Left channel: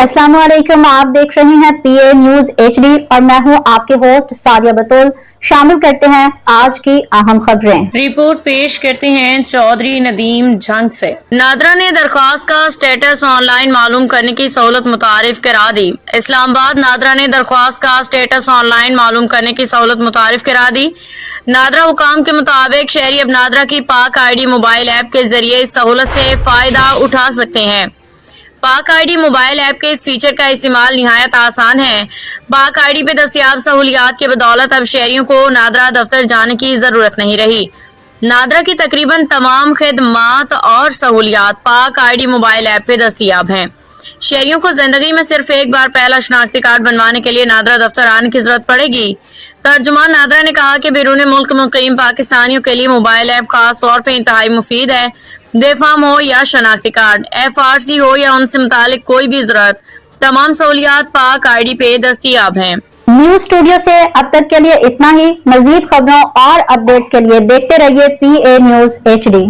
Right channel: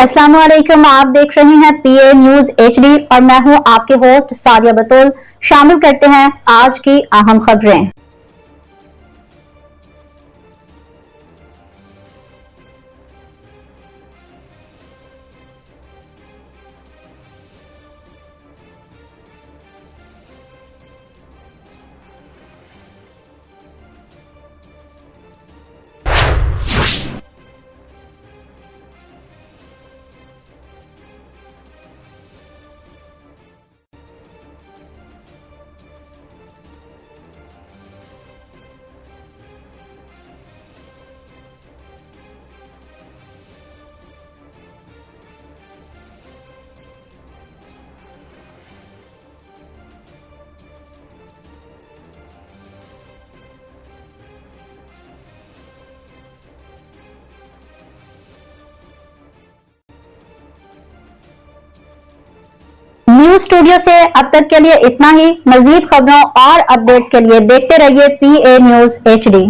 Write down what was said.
अस्सलाम वालेकुम, आप देख रहे हैं पीए न्यूज एचडी और मैं हूं आपके होस्ट सादिया बतूल। शामिल करते हैं आज की अहम खबरें। रिपोर्ट पेश करते हैं चौधरी नदीम जंग से। नादरा ने दरख्वास्त का स्टेटस ऑनलाइन मालूम करने की सहूलत मुतारिफ करा दी। इस्लामाबाद नादरा ने दरख्वास्त का स्टेटस ऑनलाइन मालूम करने की सहूलत मुतारिफ करा दी। नादरा हुकाम के मुताबिक शहरी अब नादरा की पाक आईडी मोबाइल ऐप के जरिए इस सहूलत से फायदा उठा सकते हैं। पाक आईडी मोबाइल ऐप के इस फीचर का इस्तेमाल निहायत आसान है। पाक आईडी पे दस्तयाब सहूलियात के बदौलत अब शहरियों को नादरा दफ्तर जाने की जरूरत नहीं रही। नादरा की तकरीबन तमाम खिदमात और सहूलियात पाक आईडी मोबाइल ऐप पे दस्तयाब हैं। शहरियों को जिंदगी में सिर्फ एक बार पहला शनाख्ती कार्ड बनवाने के लिए नादरा दफ्तर आने की जरूरत पड़ेगी। तर्जुमान नादरा ने कहा कि बैरून मुल्क मुकीम पाकिस्तानियों के लिए मोबाइल ऐप खास तौर पर इंतहाई मुफीद है। बेफाम हो या शनाख्ती कार्ड, FRC हो या उनसे मुतालिक कोई भी जरूरत, तमाम सहूलियात पाक आईडी पे दस्तयाब हैं। न्यूज स्टूडियो से अब तक के लिए इतना ही। मजीद खबरों और अपडेट्स के लिए देखते रहिए PA न्यूज HD।